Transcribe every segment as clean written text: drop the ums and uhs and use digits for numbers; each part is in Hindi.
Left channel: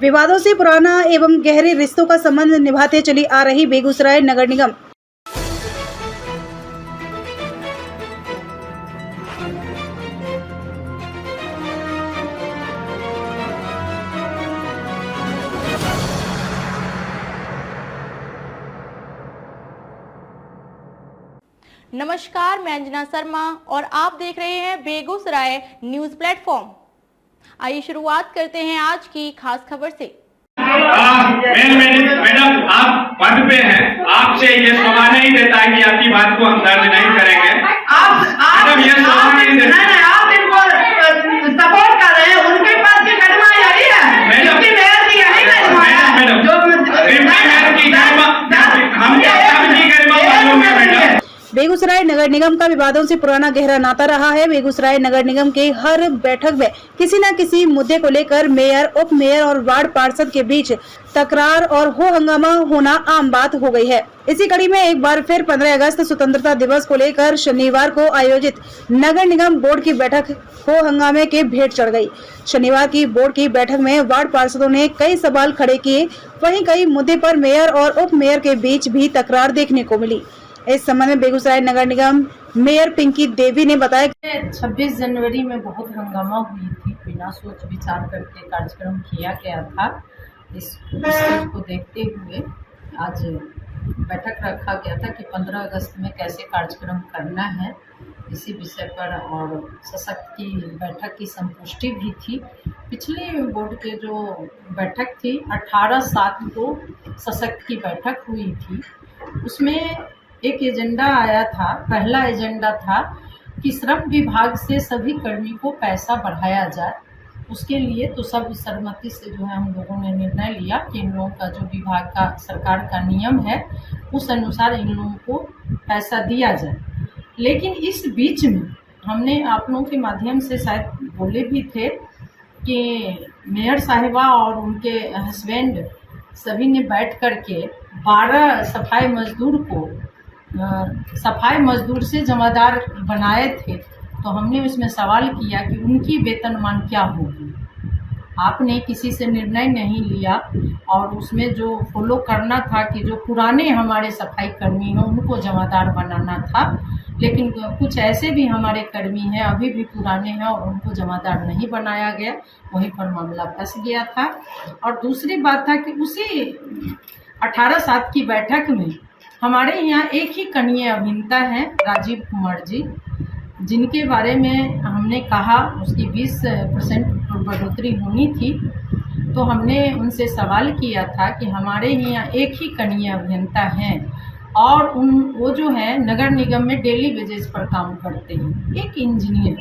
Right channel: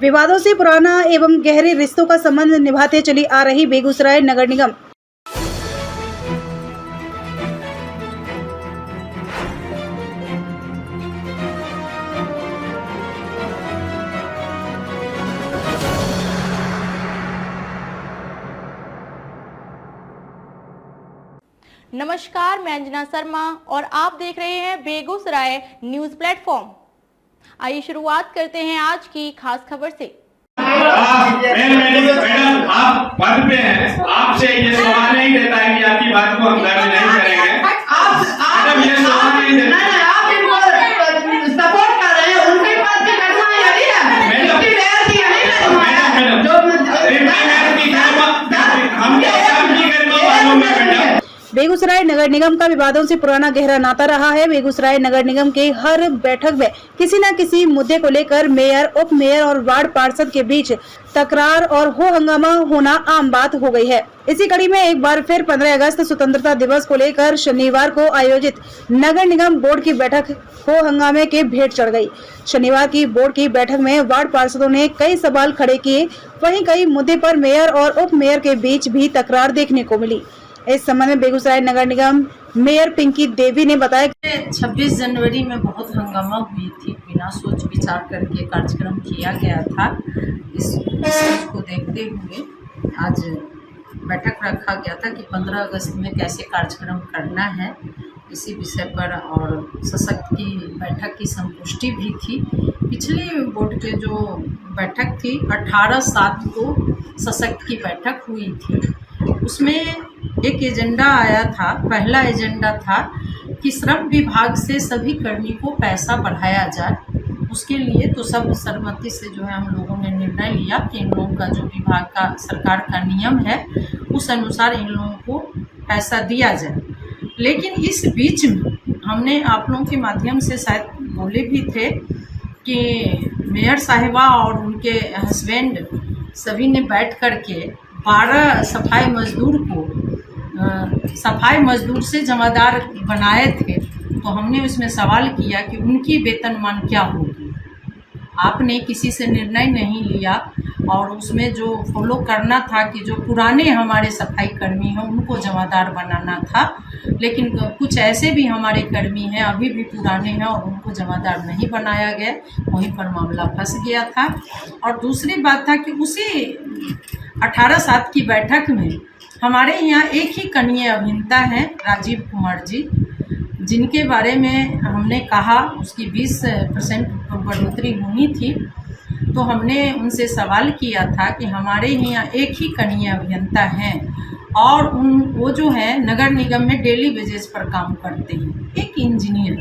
विवादों से पुराना एवं गहरे रिश्तों का संबंध निभाते चली आ रही बेगूसराय नगर निगम नमस्कार, मैं अंजना शर्मा और आप देख रहे हैं बेगूसराय न्यूज प्लेटफॉर्म। आइए शुरुआत करते हैं आज की खास खबर से। मैडम, आप पद पे हैं, आपसे ये शोभा नहीं देता कि आपकी बात को हम दर्ज नहीं करेंगे। मैडम, ये शोभा नहीं देता। आप इनको सपोर्ट कर रहे हैं, उनके पास की घटना यही है। मैडम, मैडम बेगूसराय नगर निगम का विवादों से पुराना गहरा नाता रहा है। बेगूसराय नगर निगम के हर बैठक में किसी न किसी मुद्दे को लेकर मेयर, उप मेयर और वार्ड पार्षद के बीच तकरार और हो हंगामा होना आम बात हो गई है। इसी कड़ी में एक बार फिर 15 अगस्त स्वतंत्रता दिवस को लेकर शनिवार को आयोजित नगर निगम बोर्ड की बैठक हो हंगामे के भेंट चढ़ गई। शनिवार की बोर्ड की बैठक में वार्ड पार्षदों ने कई सवाल खड़े किए, वहीं कई मुद्दे पर मेयर और उप मेयर के बीच भी तकरार देखने को मिली। इस संबंध में बेगूसराय नगर निगम मेयर पिंकी देवी ने बताया कि 26 जनवरी में बहुत हंगामा हुई थी। बिना सोच विचार करके कार्यक्रम किया गया था। इस चीज को देखते हुए आज बैठक रखा गया था कि 15 अगस्त में कैसे कार्यक्रम करना है, इसी विषय पर। और सशक्त की बैठक की संतुष्टि भी थी। पिछली बोर्ड के जो बैठक थी 18/7 को सशक्त की बैठक हुई थी। उसमें एक एजेंडा आया था। पहला एजेंडा था कि श्रम विभाग से सभी कर्मी को पैसा बढ़ाया जाए। उसके लिए तो सब सहमति से जो है हम लोगों ने निर्णय लिया कि इन लोगों का जो विभाग का सरकार का नियम है उस अनुसार इन लोगों को पैसा दिया जाए। लेकिन इस बीच में हमने आप लोगों के माध्यम से शायद बोले भी थे कि मेयर साहिबा और उनके हस्बैंड सभी ने बैठ कर के 12 सफाई मजदूर को सफाई मजदूर से जमादार बनाए थे। तो हमने उसमें सवाल किया कि उनकी वेतनमान क्या होगी। आपने किसी से निर्णय नहीं लिया और उसमें जो फॉलो करना था कि जो पुराने हमारे सफाई कर्मी हैं उनको जमादार बनाना था। लेकिन कुछ ऐसे भी हमारे कर्मी हैं अभी भी पुराने हैं और उनको जमादार नहीं बनाया गया। वहीं पर मामला फंस गया था। और दूसरी बात था कि उसी 18/7 की बैठक में हमारे यहाँ एक ही कनीय अभियंता हैं राजीव कुमार जी, जिनके बारे में हमने कहा उसकी 20% बढ़ोतरी होनी थी। तो हमने उनसे सवाल किया था कि हमारे यहाँ एक ही कनीय अभियंता हैं और वो जो है नगर निगम में डेली वेजेस पर काम करते हैं, एक इंजीनियर,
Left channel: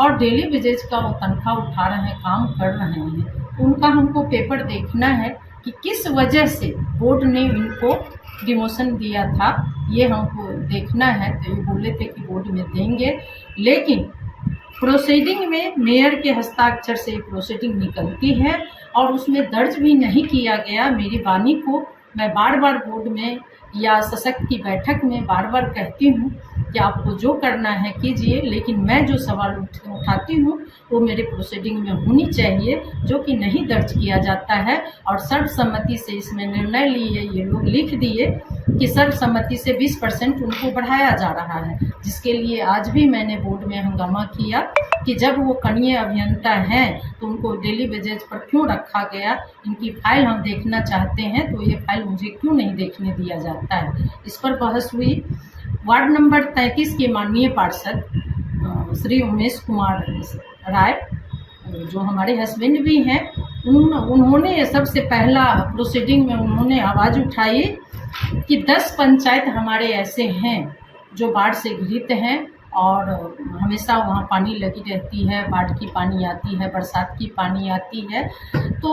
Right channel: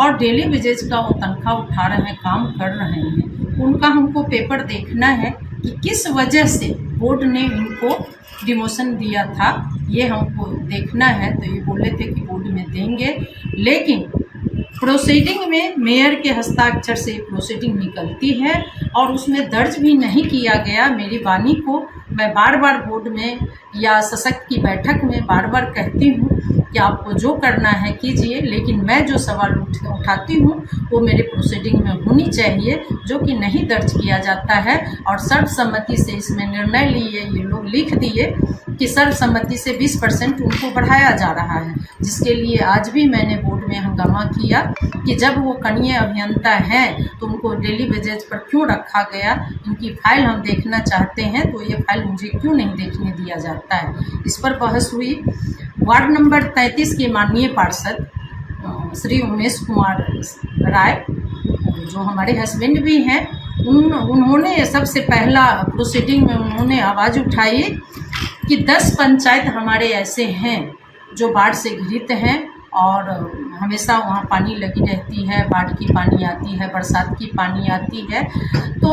और डेली वेजेस का वो तनख्वाह उठा रहे हैं, काम कर रहे हैं। उनका हमको पेपर देखना है कि किस वजह से बोर्ड ने इनको डिमोशन दिया था, ये हमको देखना है। तो ये बोले थे कि बोर्ड में देंगे, लेकिन प्रोसीडिंग में मेयर के हस्ताक्षर से प्रोसीडिंग निकलती है और उसमें दर्ज भी नहीं किया गया। मेरी वाणी को मैं बार बार बोर्ड में या सशक्त की बैठक में बार बार कहती हूँ कि आपको जो करना है कीजिए, लेकिन मैं जो सवाल उठाती हूँ वो मेरे प्रोसीडिंग में होनी चाहिए, जो कि नहीं दर्ज किया जाता है। और सर्वसम्मति से इसमें निर्णय लिए ये लोग लिख दिए कि सर्वसम्मति से 20% उनको बढ़ाया जा रहा है, जिसके लिए आज भी मैंने बोर्ड में हंगामा किया कि जब वो कनीय अभियंता हैं तो उनको डेली वेजेज पर क्यों रखा गया। इनकी फाइल हम देखना चाहते हैं तो ये फाइल मुझे क्यों नहीं देखने दिया जाता है। इस पर बहस हुई। वार्ड नंबर 33 के माननीय पार्षद श्री उमेश कुमार राय, जो हमारे हस्बैंड भी हैं, उन्होंने सबसे पहला प्रोसीडिंग में उन्होंने आवाज़ उठाई कि 10 पंचायत हमारे ऐसे हैं जो बाढ़ से घिरित हैं और हमेशा वहाँ पानी लगी रहती है। बाढ़ की पानी आती है, बरसात की पानी आती है। तो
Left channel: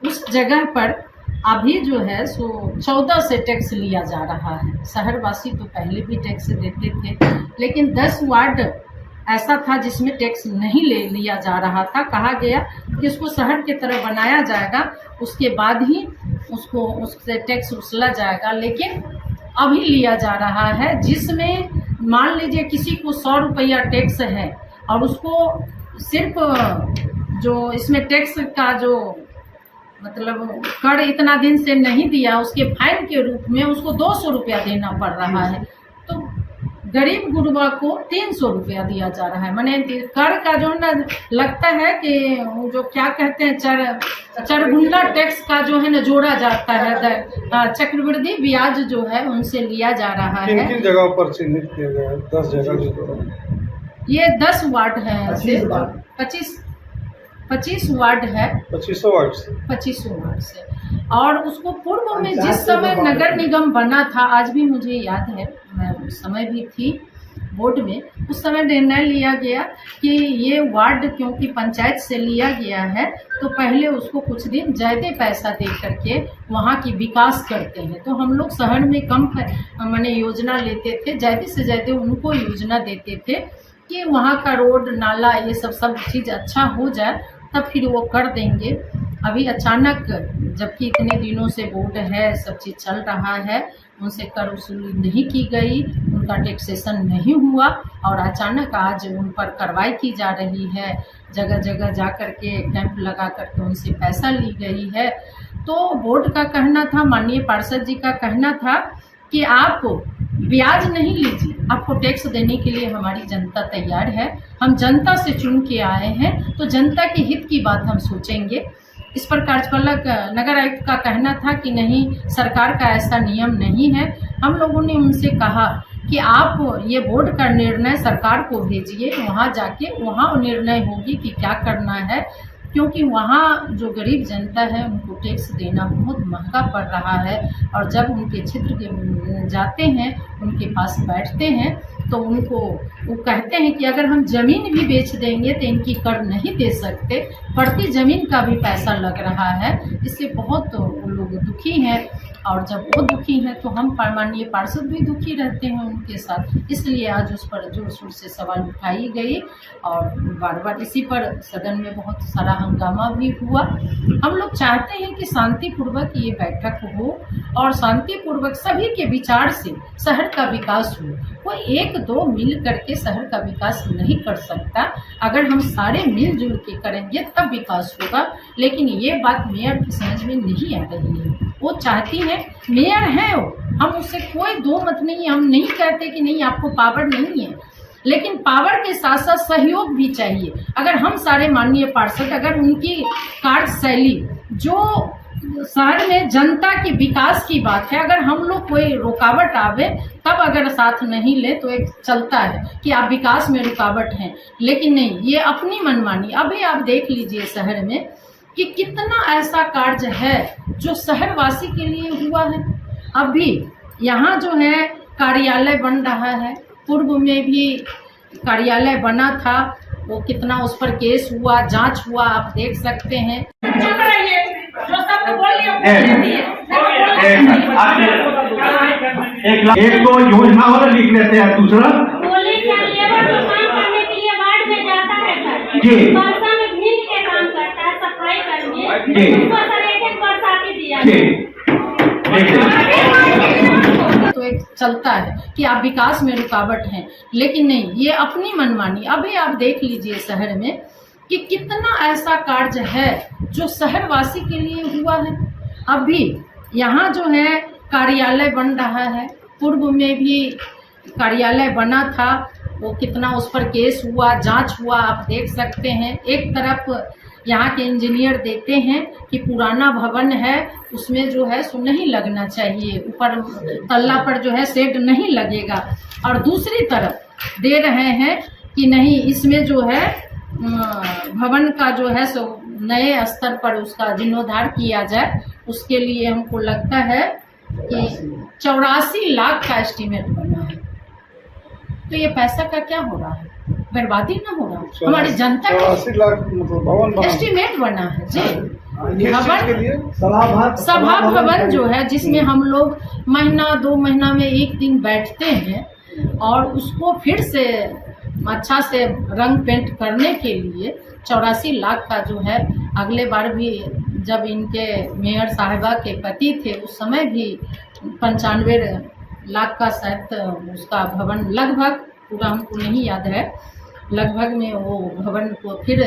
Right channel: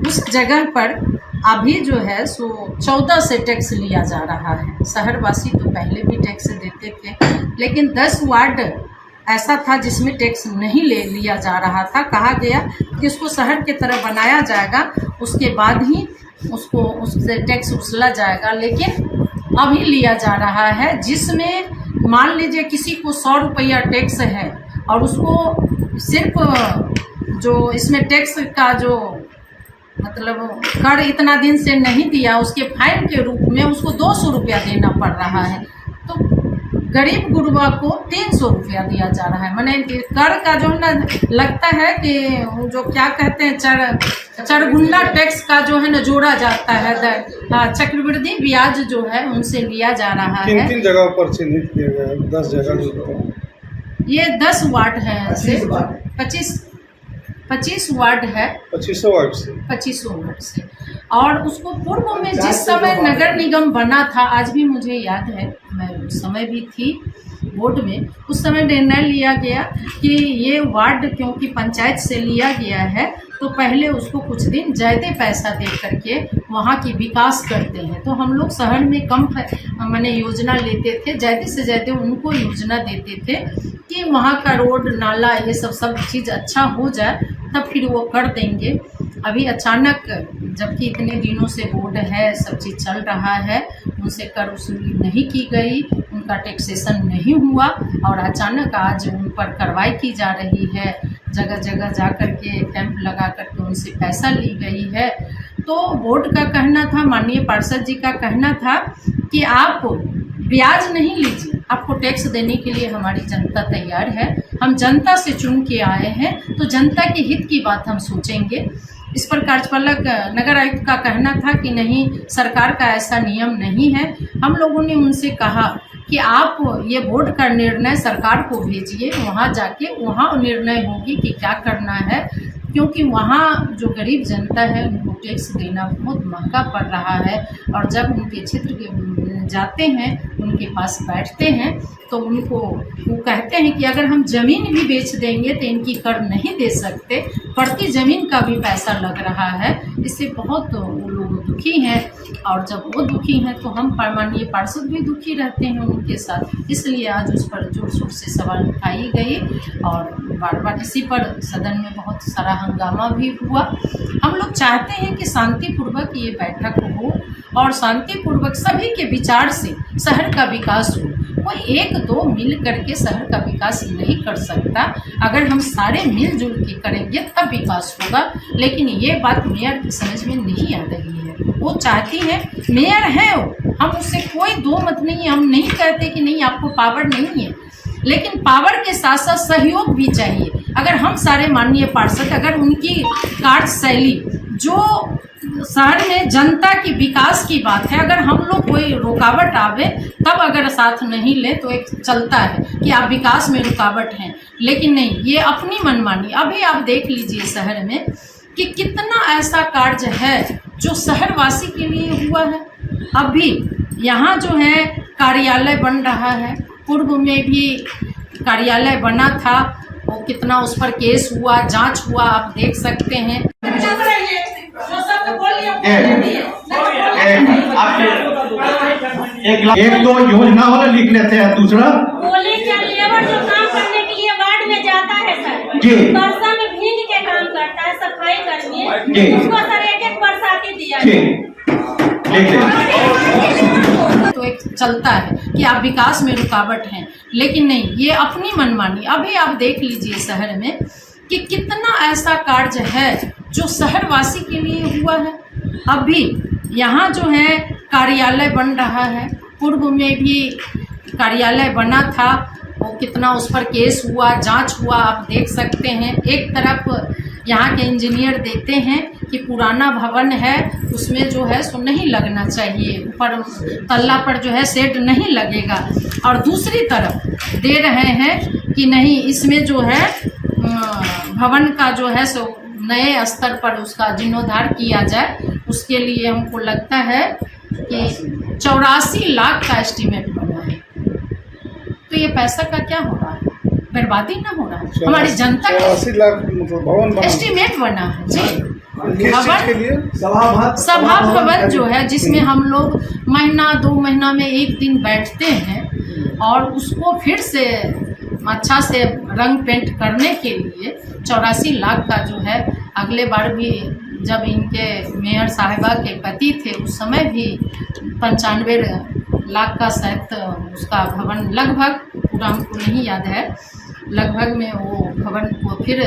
उस जगह पर अभी जो है सो 14 से टैक्स लिया जा रहा है। शहरवासी तो पहले भी टैक्स देते थे, लेकिन 10 वार्ड ऐसा था जिसमें टैक्स नहीं लिया जा रहा था। कहा गया कि इसको शहर की तरह बनाया जाएगा, उसके बाद ही उससे टैक्स वसूला जाएगा। लेकिन अभी लिया जा रहा है, जिसमें मान लीजिए किसी को 100 रुपया टैक्स है और उसको सिर्फ जो इसमें टैक्स का जो मतलब कर इतना दिन से नहीं दिया, उसके फाइन के रूप में उसको 200 रुपया देना पड़ रहा है। तो गरीब गुरबा को 300 रुपया दिया जा रहा है। माने कर का जो है ना, लगता है कि जो क्या कहते हैं चरगुल्ला टैक्स का जो है ना जोड़ा जाता है, चक्रवृद्धि ब्याज जो है उनसे लिया जा रहा है। किन जगह पर चिन्हित किया गया है? 10 जगह ये 10 वार्ड है, 25 वार्ड है, 2500 वार्ड से 2500 वार्ड से। और उसको पूर्व में जिस समय नगर निगम बना था, आज भी मुझे याद है, मैं उस समय भी थी बोर्ड में, उस समय निर्णय लिया गया कि ये वार्ड क्योंकि पंचायत से लिया गया है तो पहले उसको कुछ दिन ज़्यादा पैसा दे करके वहाँ की विकास करते हैं। तो हम लोग शहर में कम माने योजना लेते थे, ज़्यादा से ज़्यादा उनको योजना देते थे कि वहाँ का रोड नाला ये सब चीज़ अच्छा हो जाए, तब फिर वो कर देंगे। अभी अचानक, जबकि इतने दिनों से बोर्ड है, सब चीज़ चल रहा है, उनसे कर वसूली नहीं की गई, उनका टैक्सेशन नहीं हुआ और अचानक आज उन पर कार्रवाई की जा रही है। जगह जगह जा कर के कैंप लगा करके उनसे पैसा ली गई है। तो बोर्ड का कहना था, माननीय पार्षद जी का कहना था कि आप ब्याज नहीं लीजिए, आपको टैक्स देने के लिए हमारी जनता तैयार है, हम जनता से चुन के आए हैं तो जनता के हित की बात हम सोचेंगे। इस पर कार्यपालक नगर आयुक्त का कहना था कि नहीं, सरकार का ऐसा नियम नहीं है। हम लोगों ने उनसे कहा कि आप ये बोर्ड का निर्णय सरकार को भेजिए, वहाँ जाके वहाँ निर्णय होगी कि क्या करना है, क्योंकि वहाँ जो गरीब जनता है उनको टैक्स देना बहुत महंगा पड़ रहा है। और जब उनके क्षेत्र के जाते हैं, उनके पास बैठते हैं तो उनको वो कहते हैं कि अगर हम ज़मीन भी बेच देंगे तो इनकी कर नहीं दे सकते, प्रति ज़मीन का भी पैसा लग रहा है। इससे बहुत वो लोग दुखी हैं और जब वो दुखी हैं तो हम माननीय पार्षद भी दुखी रहते हैं उनके साथ। इसलिए आज उस पर जोर शोर से सवाल उठाई गई और बार बार इसी पर सदन में बहुत सारा हंगामा भी हुआ। हम लोग चाहते हैं कि शांतिपूर्वक ये बैठक हो और शांतिपूर्वक सभी के विचार से शहर का विकास हो। कोई एक दो मिल करके शहर का विकास नहीं कर सकता, अगर हम सारे मिलजुल के करेंगे तब विकास होगा। लेकिन ये बात मेयर की समझ में नहीं आ रही है। वो चाहती है, मेयर है वो, हम उससे कोई दो मत नहीं, हम नहीं कहते कि नहीं आपको पावर नहीं है, लेकिन पावर के साथ साथ सहयोग भी चाहिए। अगर हम सारे माननीय पार्षद, अगर उनकी कार्यशैली जो शहर में जनता की विकास की बात है, अगर हम लोग कोई रुकावट आवे तब अगर साथ नहीं ले तो एक चलता है कि आप विकास में रुकावट हैं, लेकिन नहीं, ये अपनी मनमानी। अभी आप देख लीजिए शहर में कि कितना ऐसा कार्य है जो शहरवासी के लिए हुआ है। अभी यहाँ जो है कार्यालय बन रहा है, पूर्व में भी कार्यालय बना था, वो कितना उस पर केस हुआ, जांच हुआ, आप देख सकते हैं। एक तो योजना वाला लिख लेते हैं, दूसरा बोले क्या लेबर जो काम करने के लिए वार्ड में जाता है सर, जी, बरसा में भीग के काम करता है, सफाई कर्मी, जी, उसको सर एक बरसाती दिया तो एक चलता है कि आप विकास में रुकावट हैं, लेकिन नहीं, ये अपनी मनमानी। अभी आप देख लीजिए शहर में कि कितना ऐसा कार्य है जो शहरवासी के लिए हुआ है। अभी यहाँ जो है कार्यालय बन रहा है, पूर्व में भी कार्यालय बना था, वो कितना उस पर केस हुआ, जांच हुआ, आप देख सकते हैं। एक तरफ यहाँ के इंजीनियर देते हैं कि पुराना भवन है, उसमें जो है सो नहीं लगना चाहिए, ऊपर तल्ला पर जो है शेड नहीं लगेगा, और दूसरी तरफ दे रहे हैं कि नहीं, इसमें जो है भवन का जो है सो नए स्तर पर उसका जीर्णोद्धार किया जाए। उसके लिए हमको लगता है कि 84 लाख का एस्टीमेट बना है। तो ये पैसा का क्या हो रहा है? बर्बादी ना हो रहा है? हमारी जनता का 84 लाख मतलब भवन एस्टीमेट बना है जी। किस चीज के लिए? सभा भवन जो है, जिसमें हम लोग महीना 2 महीना में एक दिन बैठते हैं और उसको फिर से अच्छा से रंग पेंट करने के लिए 84 लाख का जो है, अगले बार भी जब इनके मेयर साहिबा के पति थे उस समय भी 95 लाख का शायद उसका भवन, लगभग, पूरा हमको नहीं याद है, लगभग में वो भवन को फिर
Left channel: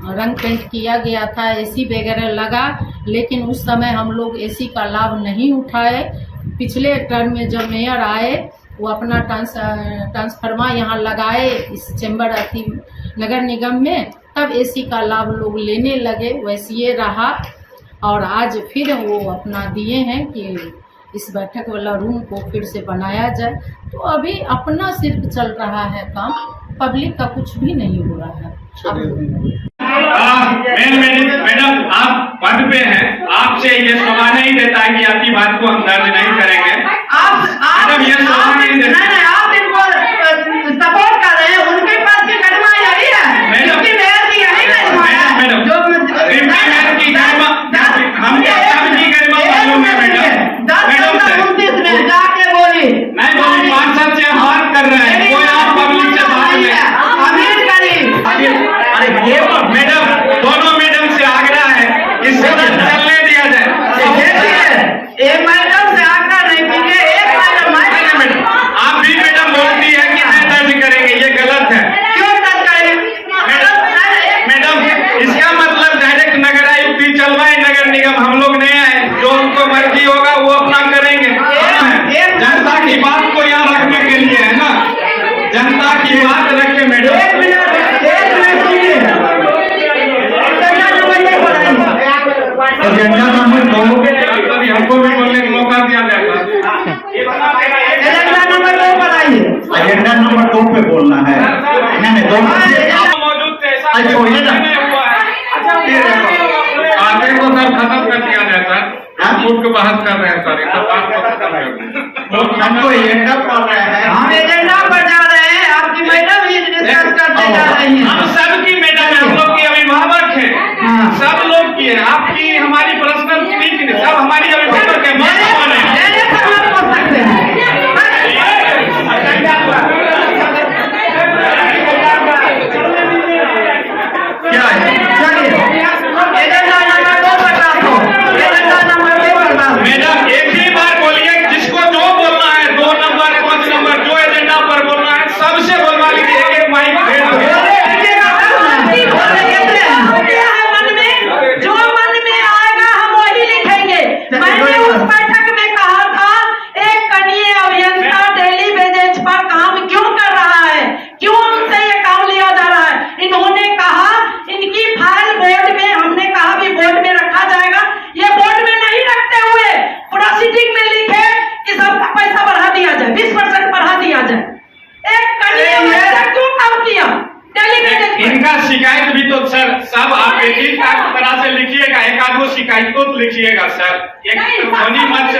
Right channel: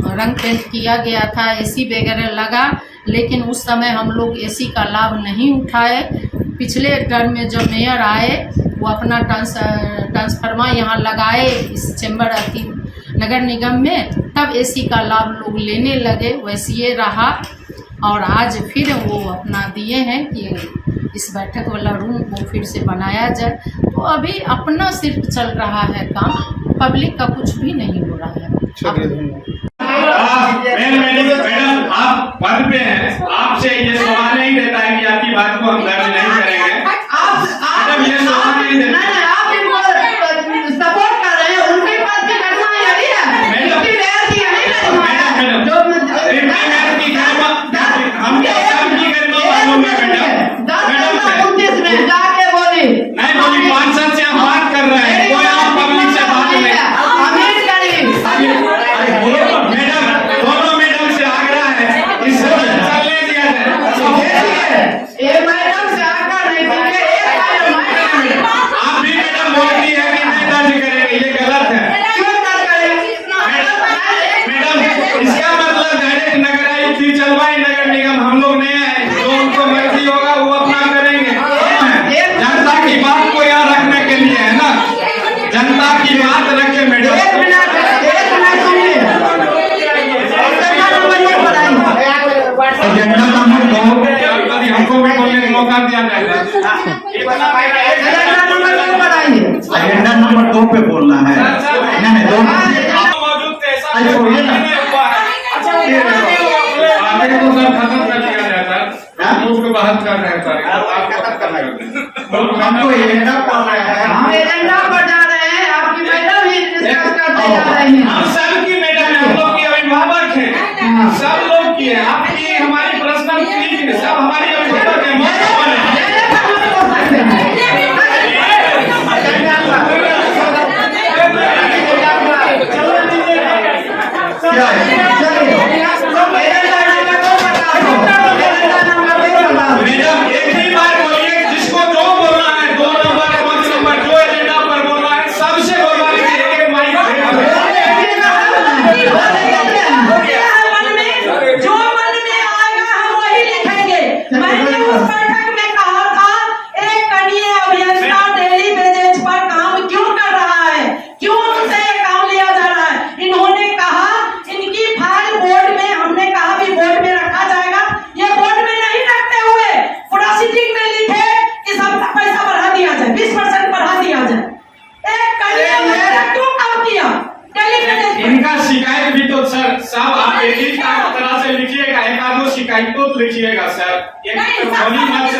रंग पेंट किया गया था, एसी वगैरह लगा, लेकिन उस समय हम लोग एसी का लाभ नहीं उठाए। पिछले टर्म में जब मेयर आए वो अपना ट्रांसफार्मर यहाँ लगाए इस चैम्बर नगर निगम में, तब एसी का लाभ लोग लेने लगे। वैसे ये रहा और आज फिर वो अपना दिए हैं कि इस बैठक वाला रूम को फिर से बनाया जाए। तो अभी अपना सिर्फ चल रहा है काम, पब्लिक का कुछ भी नहीं हो रहा है। मैडम आप पद पे हैं, आपसे ये शोभा नहीं देता कि आपकी बात को हम दर्ज नहीं करेंगे। मैडम ये शोभा नहीं देता। नहीं, आप इनको सपोर्ट कर रहे हैं, उनके पास की घटना यही है। मैडम इसकी वजह से यही घटना है। मैडम जो की गरिमा हम सबकी गरिमा मालूम है मैडम। 10-29 में जाके बोली नहीं बोली, पार्षद से बात कर रहे हैं, कोई और पब्लिक से बात नहीं। अमीर करीब मैडम दोनों मैडम से आग्रह है इससे चलने दिया जाए। एक मैडम से आग्रह नहीं कीजिए, एक मैडम आप भी मैडम बोलती है कि नहीं दर्ज करेंगे, ये गलत है। क्यों दर्ज करें? मैडम इसका मतलब डायरेक्ट नगर आयुक्त ही चलवाए, नगर निगम हम लोग नहीं आए। जो उनको मर्जी होगा वो अपना करेंगे। जनता की बात को यहाँ रखने के लिए है ना, जनता की बात रखे मैडम। एक मिनट सुनिए। एजेंडा नंबर 2 कभी हमको भी बोलने का मौका दिया जाता। एजेंडा नंबर 2 बताइए। एजेंडा नंबर 2 पे बोलना है। नहीं 2 मौजूद थे, ऐसा अच्छा, वही ना। नहीं हुआ है। आगे को सर खत्म कर दिया जाए सर, हम उसको बात कर रहे हैं सर, बात खत्म कर रहे हैं। हमको एजेंडा पढ़ रहे हैं। हम एजेंडा पर जा रहे हैं, आपकी मैडम ही डिस्कस करते जा रही हैं। हम सबकी मैडम है, हम लोग की अभिभावक है, सब लोग की है। आपकी हमारी पर्सनल क्लिक है, सब हमारी अभिभावक है। लेने से हम बोल सकते हैं। क्या है? चलिए एजेंडा नंबर 2 बता दो। एजेंडा नंबर 2 बता दो। मैडम एक ही बार बोलिए, जिसको जो बोलना है 2 नंबर 5 नंबर जो एजेंडा पर बोलना है सबसे बोलवा लीजिए, एक माइक दे दो। जो मन में आएगा हम वही लिखेंगे। मैंने उस बैठक में कहा था, एक कनीय अभियंता डेली बेजेज पर काम क्यों कर रहा है, क्यों उनसे ये काम लिया जा रहा है। इन्होंने कहा इनकी फाइल बोर्ड में, हमने कहा भी बोर्ड में रखा जाएगा। ये बोर्ड में नहीं रखते हुए प्रोसीडिंग में लिखे कि सबका पैसा बढ़ा दिया जाए, 20% बढ़ा दिया जाए। एक कनीय अभियंता क्यों काम किया डेली बेजेज पर? इनका शिकायत भी तो सर सब आप एक ही तरह से लिखिएगा, एक आध दो शिकायत तो लिखिएगा सर, एक ध्वनि मत से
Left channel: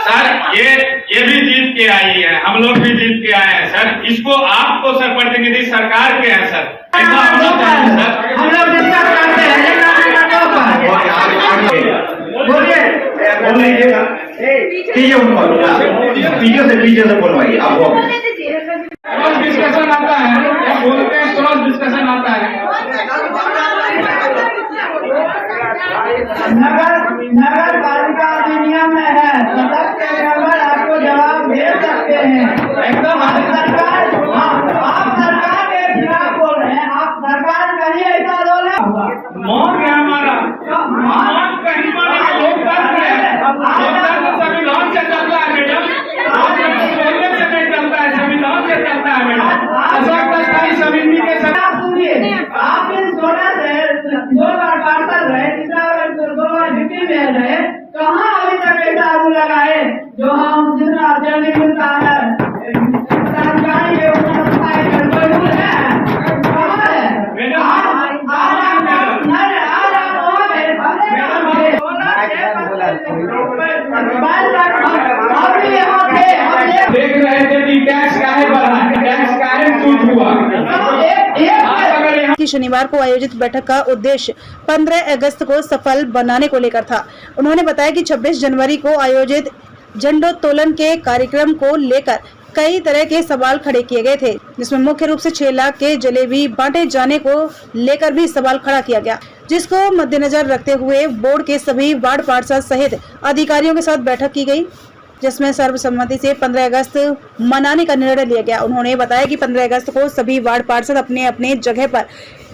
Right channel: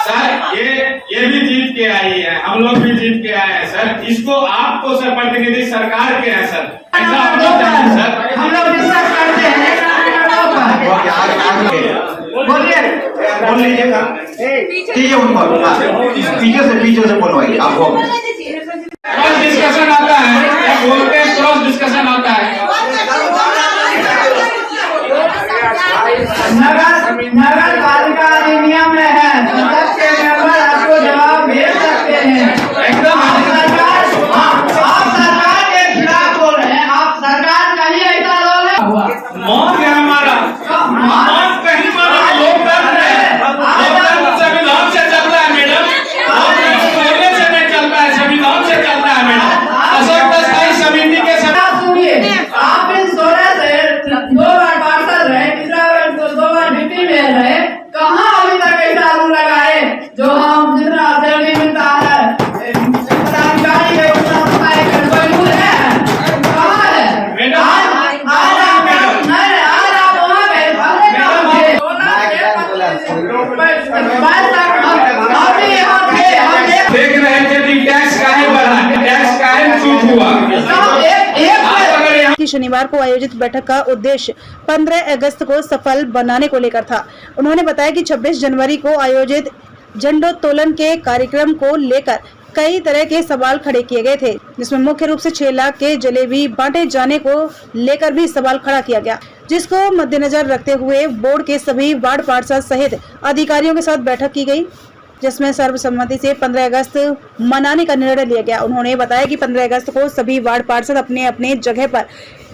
सर ये भी जीत के आई है, हम लोग भी जीत के आए हैं सर। इसको आप तो सर प्रतिनिधि सरकार के हैं सर, ऐसा होना चाहिए सर। हम लोग डिस्कस करते हैं। बोलिए बोल लीजिएगा। कीजिए उनको, पीछे से बोलवाइए आपको। क्रॉस डिस्कशन आता है, क्या बोलते हैं, क्रॉस डिस्कशन आता है। नगर पालिका अधिनियम में है, सदस्य मेंबर आपको जवाब भेज सकते हैं। एकदम आप सरकार के खिलाफ बोल रहे हैं, आप सरकार कहीं ऐसा लोग है। मौत है हमारा, मौत कहीं पर लोकतंत्र है, लोकतंत्र संविधान से चलता है मैडम, लोकतंत्र बोलने से नहीं चलता है, संविधान से चलता है मैडम। अशोक स्थायी समिति के सुनिए, आप इन 16 से 2 बार पार्षद रहे, तीसरा 2 बार डिप्टी मेयर रहे, कहाँ अभी तक ऐसा रूल लगाए जो हम जितना सैलरी मिलता है पदाधिकारी के उतना सफाई का कोई रूल है? कहाँ है? आज आप वहाँ गए, हम भी यहाँ थे, हम देख रहे थे कि टैक्स काहे बढ़ा, टैक्स काहे छूट हुआ। कि शनिवार को आयोजित बैठक का उद्देश्य 15 अगस्त को सफल बनाने को लेकर था। उन्होंने बताया कि 26 जनवरी को आयोजित झंडोत्तोलन के कार्यक्रम को लेकर कई तरह के सवाल खड़े किए गए थे, जिसमें मुख्य रूप से 6 लाख के जलेबी बांटे जाने को लेकर भी सवाल खड़ा किया गया, जिसको मद्देनजर रखते हुए बोर्ड के सभी वार्ड पार्षद सहित अधिकारियों के साथ बैठक की गई, जिसमें सर्वसम्मति से 15 अगस्त मनाने का निर्णय लिया गया। उन्होंने बताया कि 15 अगस्त को सभी वार्ड पार्षद अपने अपने जगह पर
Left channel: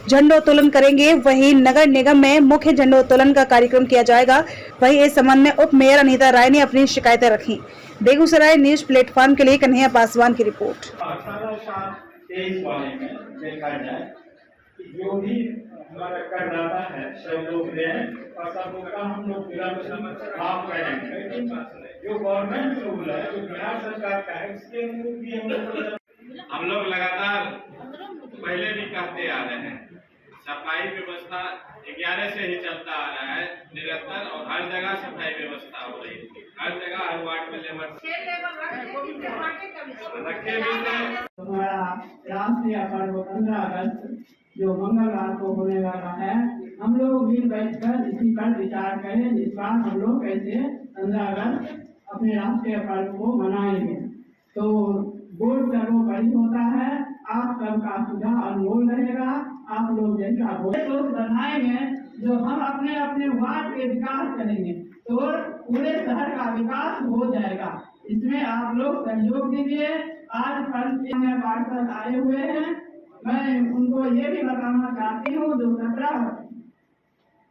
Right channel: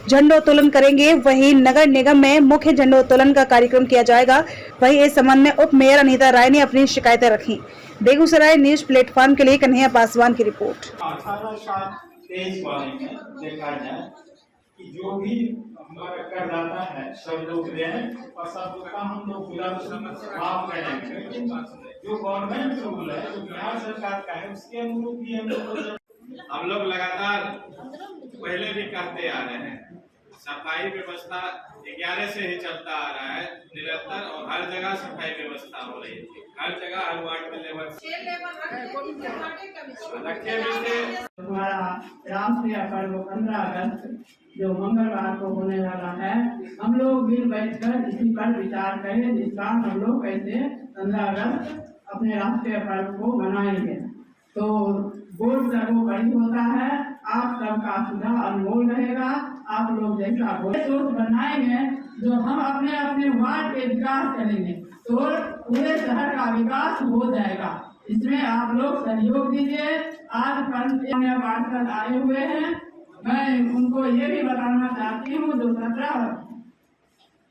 झंडोत्तोलन करेंगे। वहीं नगर निगम में मुख्य झंडोत्तोलन का कार्यक्रम किया जाएगा। वहीं इस संबंध में उप मेयर अनीता राय ने अपनी शिकायतें रखी। बेगूसराय न्यूज प्लेटफॉर्म के लिए कन्हैया पासवान की रिपोर्ट। 18-7-23 वाले में देखा जाए कि जो भी हमारा करदाता है सब लोग दें और सब लोग का हम लोग विलंब माफ करेंगे, लेकिन जो गवर्नमेंट रूल है जो बिहार सरकार का है उसके अनुरूप भी हम लोग लगातार पहले भी कहते आ रहे हैं सफाई व्यवस्था 11 से ही चलता आ रहा है निरंतर और हर जगह सफाई व्यवस्था हो रही है। हर जगह हर वार्ड में लेबर हमारा राष्ट्रीय पर्व 15 अगस्त जो मंगलवार को होने वाला है, हम लोग मिल बैठकर इसी पर विचार करें जिस बार हम लोग कैसे 15 अगस्त अपने राष्ट्रीय पर्व को मनाएंगे। तो वोट सर्वोपरि होता है, आप सबका सुझाव अनमोल रहेगा। आप लोग जैसा वोट बनाएंगे जो हम अपने अपने वार्ड के विकास करेंगे तो पूरे शहर का विकास हो जाएगा। इसमें आप लोग सहयोग दीजिए। आज पार्षद आए हुए हैं, मैं उनको ये भी बताना चाहती हूँ जो 17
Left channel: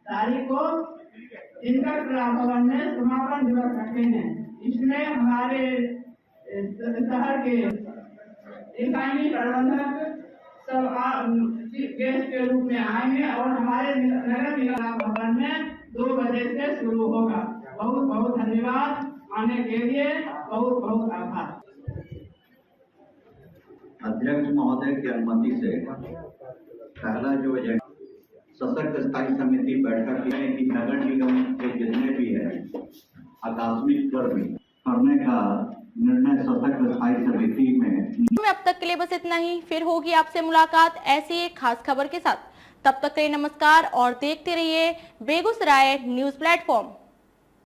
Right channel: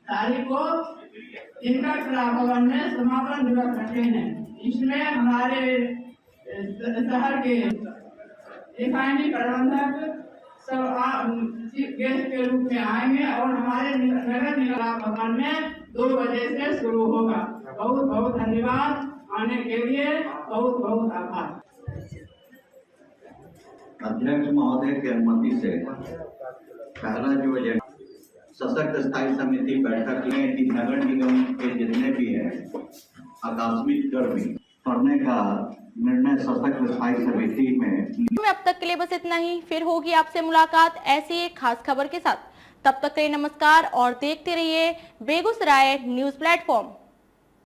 तारीख को इंटर कला भवन में समापन दिवस रखे हैं। इसमें हमारे शहर के इकाई प्रबंधक सब गेस्ट के रूप में आएंगे और हमारे नगर निगम भवन में 2 बजे से शुरू होगा। बहुत बहुत धन्यवाद, आने के लिए बहुत बहुत आभार। अध्यक्ष महोदय की अनुमति से पहला जो एजेंडा सशक्त स्थायी समिति बैठक में कि नगर निगम के जितने भी है आकस्मिक कर्मी करने का निर्णय सशक्त स्थायी समिति में। अब तक के लिए बस इतना ही। फिर होगी आपसे मुलाकात ऐसी एक खास खबर के साथ। तब तक के लिए नमस्कार और देखते रहिए बेगूसराय न्यूज प्लेटफॉर्म।